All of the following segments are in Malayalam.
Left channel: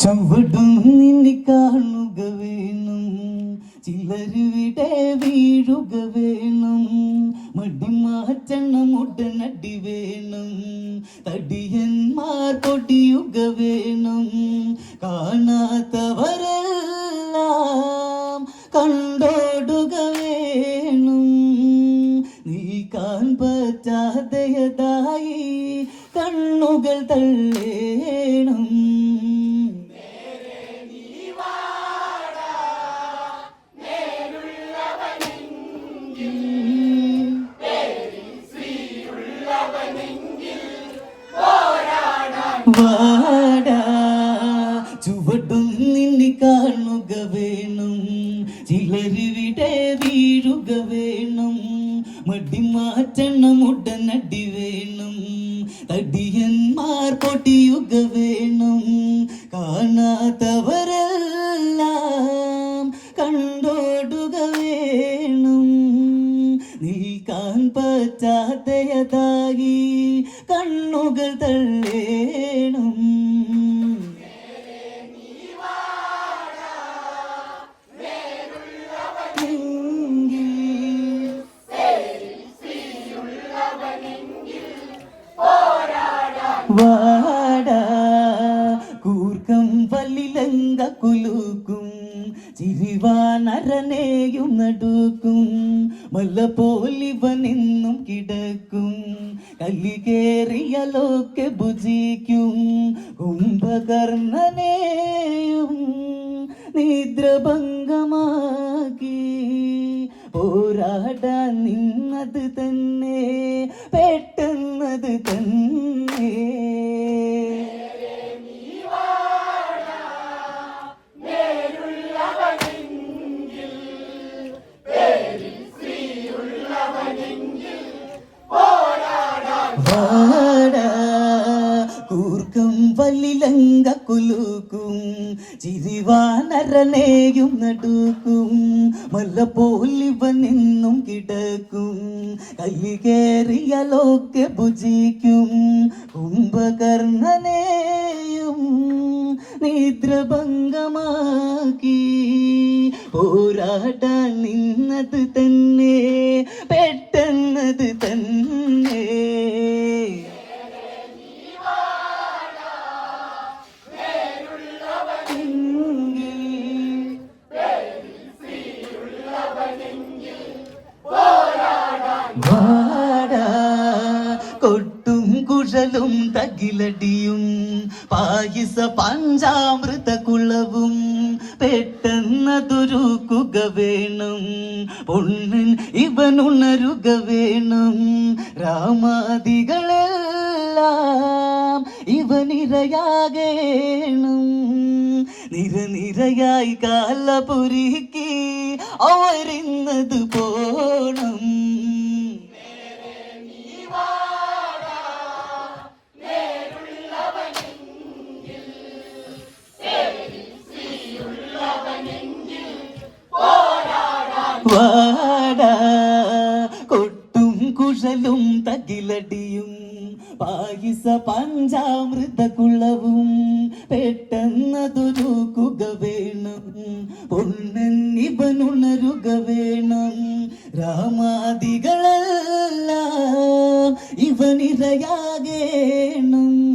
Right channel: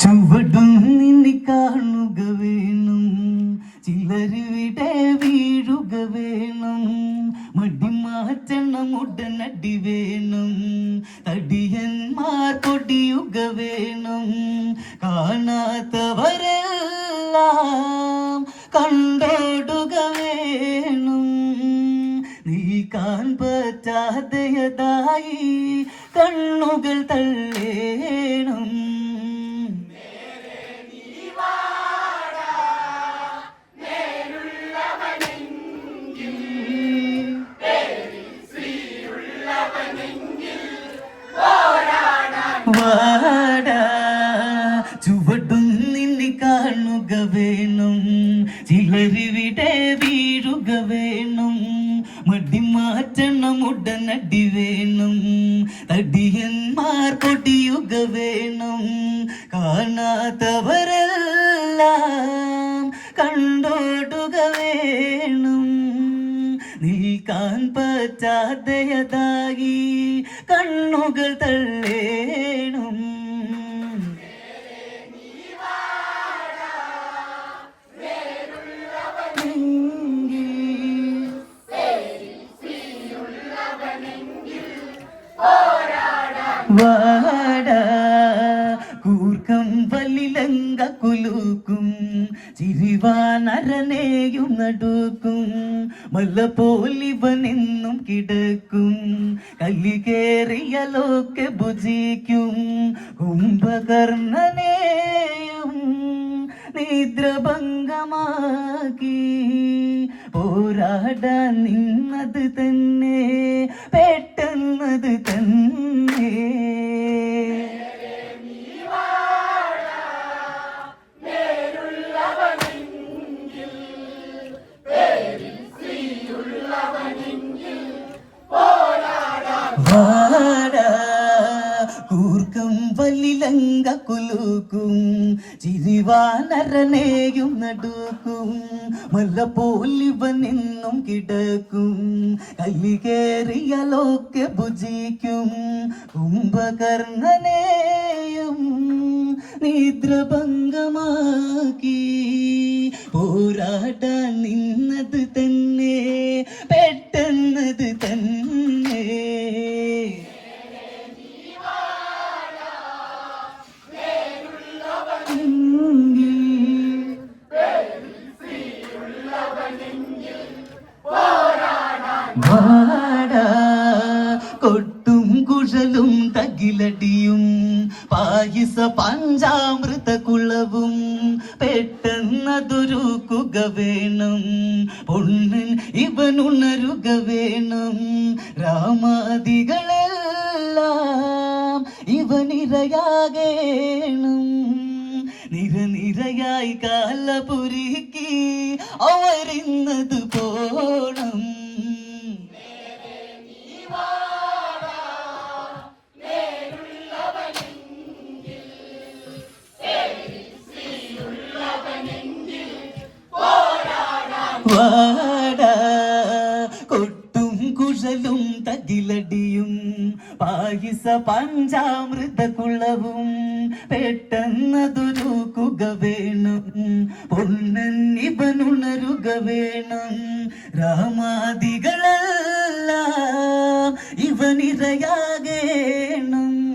ചുവടും നിന്നെ കാണുക വേണം. ചിലരുവിടെ വീഴുക വേണം. മടി മാറ്റണം ഉടനടി വേണം. തടിയന്മാർ പൊടിയുക വേണം. കാണാത്തവരെല്ലാം വീഴുക വേണം. മടി മാറ്റണം ഉടനടി വേണം. തടിയന്മാർ പൊടിയുക വേണം. കാണാത്തവരെല്ലാം കണ്ടോടുക വേണം. നീക്കാൻ പറ്റാതെയതായി കണ്ണുകൾ തള്ളേണം. വാടാ. കൂർക്കം പല്ലിലങ്ക കുലുക്കും ചിരിവാനരനെയും നടുക്കും. മല്ലപ്പോലിവനെന്നും കിടക്കും കല്ലി കേറിയലൊക്കെ ഭുജിക്കും. കുംഭകർണനെയും നിദ്രഭംഗമാക്കി പോരാടാൻ നിന്നത് തന്നെ പെട്ടെന്നത് തന്നെ. ചിരിവാനരനെയും നടുക്കും. മല്ല പോലിവനെന്നും കിടക്കും. കല്ലി കേറിയാലൊക്കെ ഭുജിക്കും. കുംഭകർണനെയും നിദ്രഭംഗമാക്കി പോരാട്ടാൻ നിന്നത് തന്നെ പെട്ടെന്നത് തന്നെ. വാടാ കൊട്ടും കുഴലും തകിലടിയും പായസ പഞ്ചാമൃത കുളവും പെട്ടെന്നതൊരുക്കുക വേണം പൊണ്ണൻ ഇവനുണരുക വേണം രാമാദികളെല്ലാം ഇവനിരയാകേണം. നിരനിരയായി കാലപുരിക്ക് അവരിന്നത് പോണം. പഞ്ചാമൃത കുളവും പെട്ടെന്നതൊരുക്കുക വേണം. പൊന്നൻ ഇവനുണരുക വേണം. രാമാദികളെല്ലാം ഇവനിരയാകേണം.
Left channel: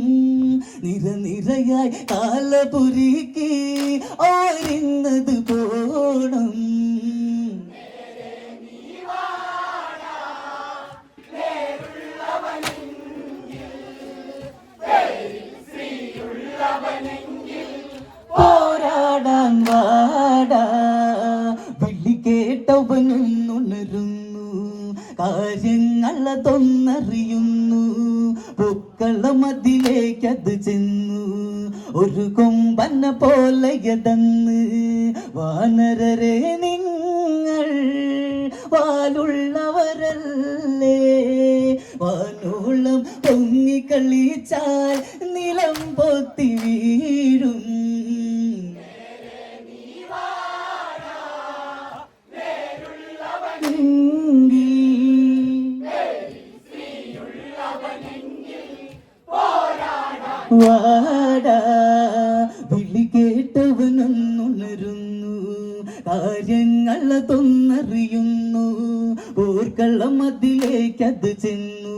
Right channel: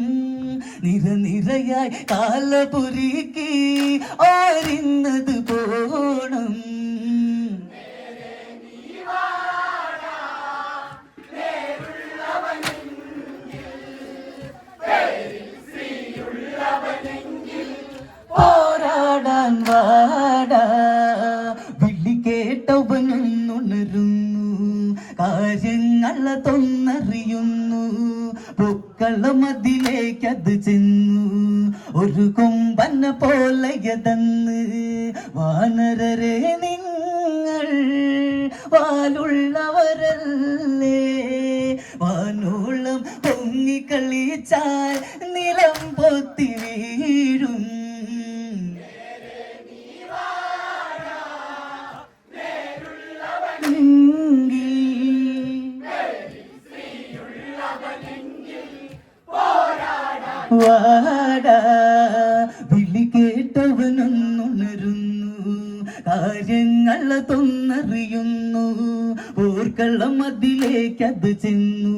നിരനിരയായി കാലപുരിക്ക് ഓരിന്നത് പോണം കാര്യങ്ങളതൊന്നറിയുന്നു പൊക്കളം അതിലേക്കത് ചെന്നു. ഒരു കൊമ്പന പോലെയതെന്ന് വാനരരെ നിങ്ങൾ വാലുള്ളവരല്ലേ? വാനോളം പൊങ്ങിക്കളിച്ചാൽ വാടാ. വിളി കേട്ടവനൊന്നുണരുന്നു. കാര്യങ്ങൾ അതൊന്നറിയുന്നു ഓർക്കളം അതിലേക്കത് ചെന്നു.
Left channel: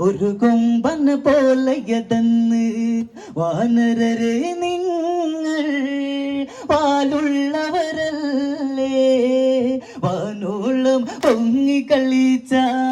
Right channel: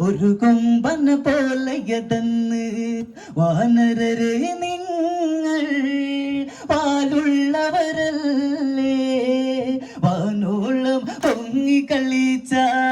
ഒരു കൊമ്പന പോലെയതെന്ന് വാനരരെ നിങ്ങൾ പാലുള്ളവരല്ലേ? വാനോളം പൊങ്ങിക്കളിച്ചാ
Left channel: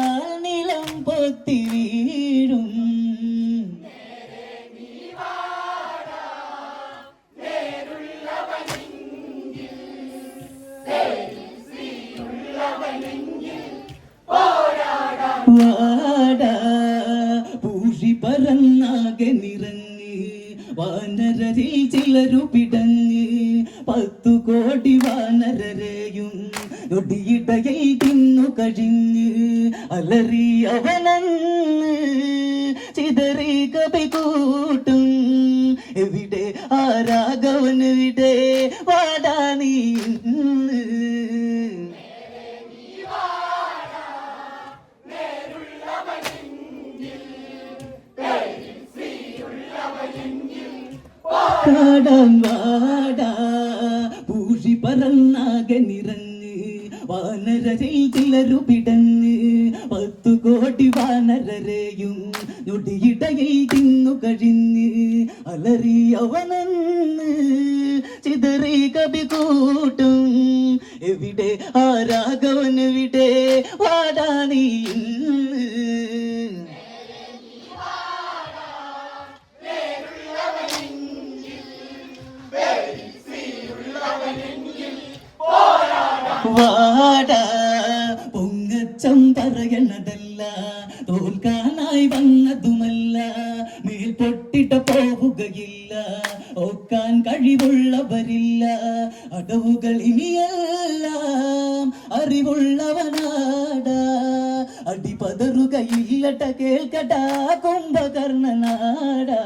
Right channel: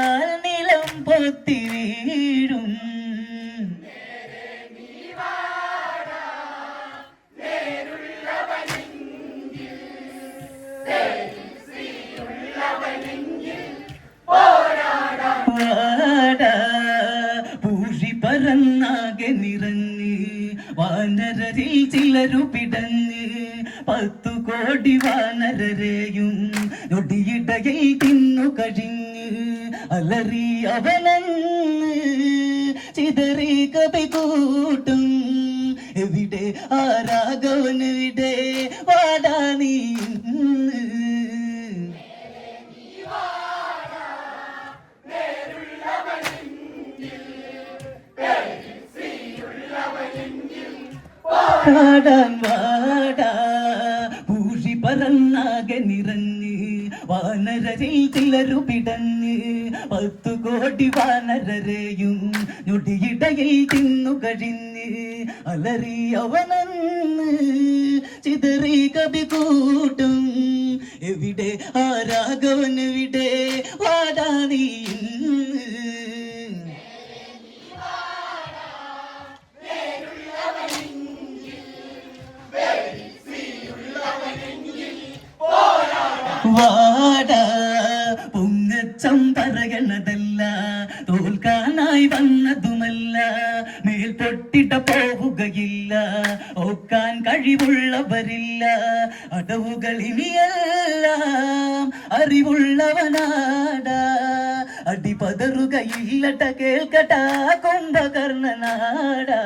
വാനരരിൽ ചിലരു പിടഞ്ഞ് പത്തു കോടി വാനരരെയും നൊടിയിടയിൽ തിന്നു കഴിഞ്ഞ് അലറി അവനങ്ങ് ചിതറി കവി കൂട്ടും. എവിടെ ആരാഘവനെവിടെ വാടാ നീ? കാടാൻ വാടാ. പൂഴി പറന്നാകെ നിറഞ്ഞ് വാനരരിൽ ചിലരു പിടഞ്ഞ് പത്തു കോടി വാനരരെയും ഞൊടിയിടയിൽ തിന്നു കഴിഞ്ഞ് അലറി അവനന്ന് ചിതറി കവി കൂട്ടും. എവിടെ ആരാഘവൻ എവിടെ വാടാ നീ പൊങ്ങച്ചം പറയണതല്ല. തോൽക്കാനായി വന്നതുമല്ല. മേൽ പൊട്ടിട്ട പോവുകയില്ല. ഓക്കാൻ കഴിവുള്ളവരില്ല. അടവുകൾ ഇനിയെല്ലാം അറിവുള്ളവനാട. അടിപതറുകയില്ലട്ട കേൾക്കട്ട കുംഭകർണനാടാ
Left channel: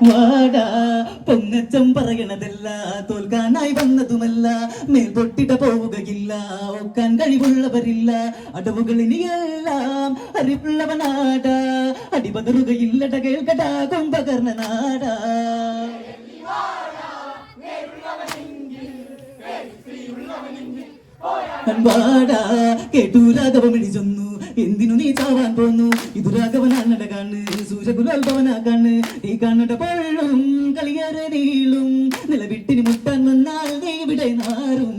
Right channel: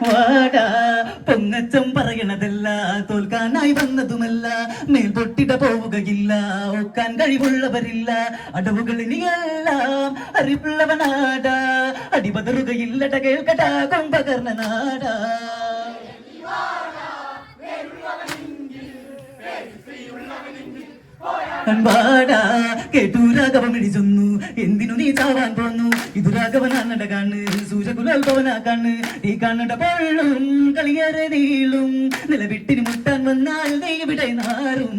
വാടാ. പൊങ്ങച്ചം പറയണതല്ല തോൽക്കാനായി വന്നതുമല്ല മേൽ പൊട്ടിട പോവുകയില്ല ഒക്കാൻ കഴിവുള്ളവരില്ല അടവുകൾ ഇനിയെല്ലാം അറിവുള്ളവനാടാ. അടിപതറുകയില്ലട കേൾക്കടാ കുംഭകർണ നാടാ കേട്ടു രാഘവം ഇടിച്ചൊന്നു എന്തിനു നീ ചാവാൻ പോന്നു? ഇത് രാഘവനാണട കാണ് സൂര്യകുലാൽഭവനാ കാണ് നീ കാണട പഴും കളിയേറെ നീളും നിലവിട്ടിന് മുട്ടാൻ വന്നാൽ നീ ഇവിടെ നാറും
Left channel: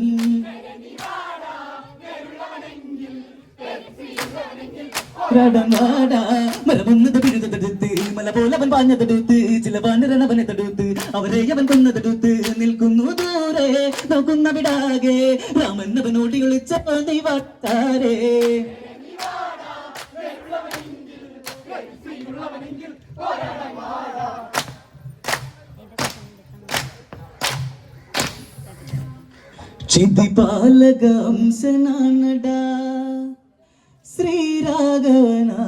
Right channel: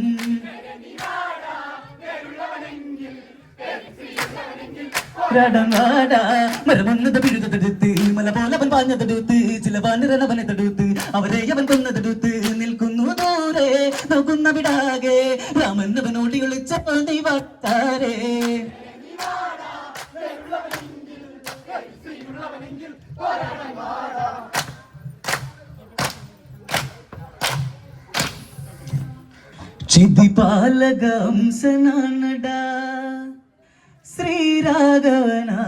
മരമൊന്നത് പിഴുതെടുത്ത് മല പോലെ അവൻ പാഞ്ഞതെടുത്ത് ചില വാനരൻ അവനെ തടുത്ത് അവരെ അവൻ കൊന്നതെടുത്ത് നിൽക്കുന്നു ദൂരെ നോക്കുന്ന വിടാകെ രാമൻ അവനോടി ഒളിച്ച വട്ടാരേ ചിതിപാലകംസനാണടാ ശ്രീരാഘവനാ